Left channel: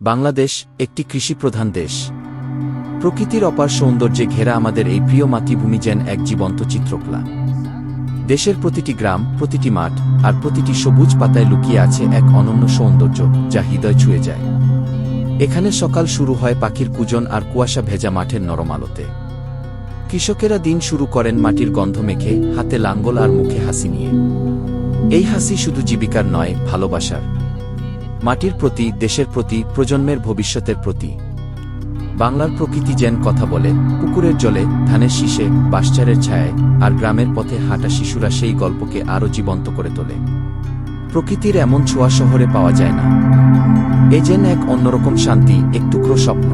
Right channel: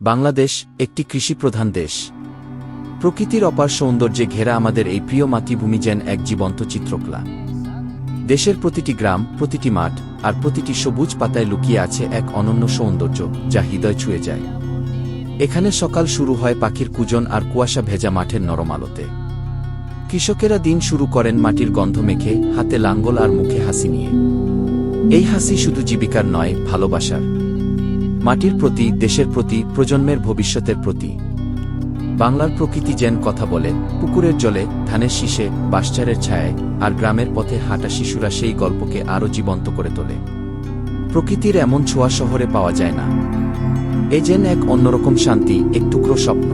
বাংলাদেশ একটি কৃষিপ্রধান দেশ। প্রকৃতির অপার সৌন্দর্যে ঘেরা আমাদের এই প্রিয় মাতৃভূমি যেন এক জীবন্ত চিত্রকলা। দেশের প্রতিটি গ্রাম, প্রতিটি মাঠ আর প্রতিটি সবুজ পাতায় লুকিয়ে আছে এক অনন্য সৌন্দর্য যা হৃদয় ছুঁয়ে যায়। এখানে সকাল শুরু হয় পাখির কুজন আর কুয়াশা ভেজা মাঠের নরম আলোতে। কৃষকেরা দিন শুরু করেন মাটির গন্ধ মেখে, হাতে লাঙ্গল আর মুখে হাসি নিয়ে। এই হাসি শুধু জীবিকার নয়, ভালোবাসার। মাটির প্রতি, দেশের প্রতি, প্রজন্মের ভবিষ্যতের প্রতি। বাংলার প্রকৃতি যেন কথা বলে, পুকুরের জলে, ধানের শীষে, বাঁশঝাড়ের ছায়ায়, আর গ্রামের পথে হাঁটা শিশুরা সেই গল্পকে আরও জীবন্ত করে তোলে। প্রকৃতির এমন ছোঁয়া শহরে পাওয়া যায় না। এ যেন এক অন্যরকম শান্তি, এক টুকরো স্বপ্ন।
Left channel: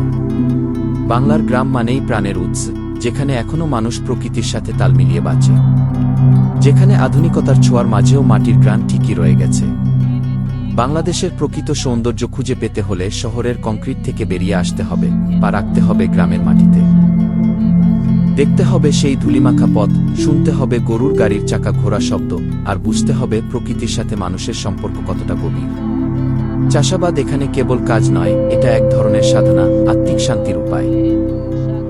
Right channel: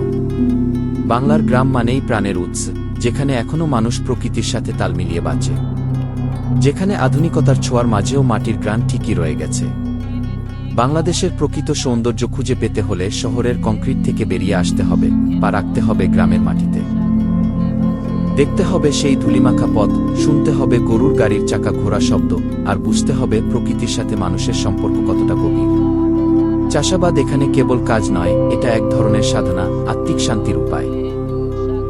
বাংলার গ্রাম মানেই প্রাণের উৎস, যেখানে এখনও মানুষ প্রকৃতির সাথে তাল মিলিয়ে বাঁচে, যেখানে আধুনিকতার ছোঁয়ার মাঝেও মাটির গ্রাণ ঠিকই রয়ে গেছে। বাংলাদেশের প্রকৃত সৌন্দর্য খুঁজে পেতে হলে শহরের কংক্রিট থেকে বেরিয়ে আসতে হবে, পা রাখতে হবে গ্রামের মাটিতে। দেখতে হবে সেই ধুলিমাখা পথ, শুনতে হবে গরুর গাড়ির চাকা ঘোরা শব্দ, আর বুঝতে হবে প্রকৃতির সাথে মানুষের সম্পর্ক কতটা গভীর। চাষাবাদ এখানে কেবল কাজ নয়, এটা এক ধরনের সাধনা, আত্মিক শান্তির উপায়।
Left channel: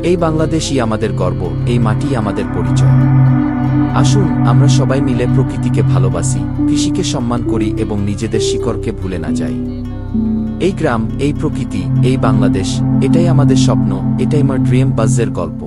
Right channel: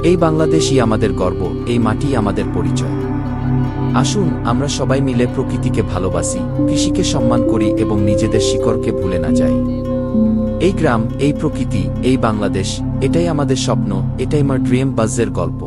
এই বাংলাদেশই আমাদের গর্ব, এই মাটিই আমাদের পরিচয়। আসুন আমরা সবাই মিলে প্রকৃতিকে ভালোবাসি, কৃষিকে সম্মান করি এবং নিজেদের শিকড়কে ভুলে না যাই। এই গ্রাম, এই প্রকৃতি, এই বাংলাদেশ, এটাই আমাদের স্বপ্ন, এটাই আমার ড্রিম বাজের গল্প।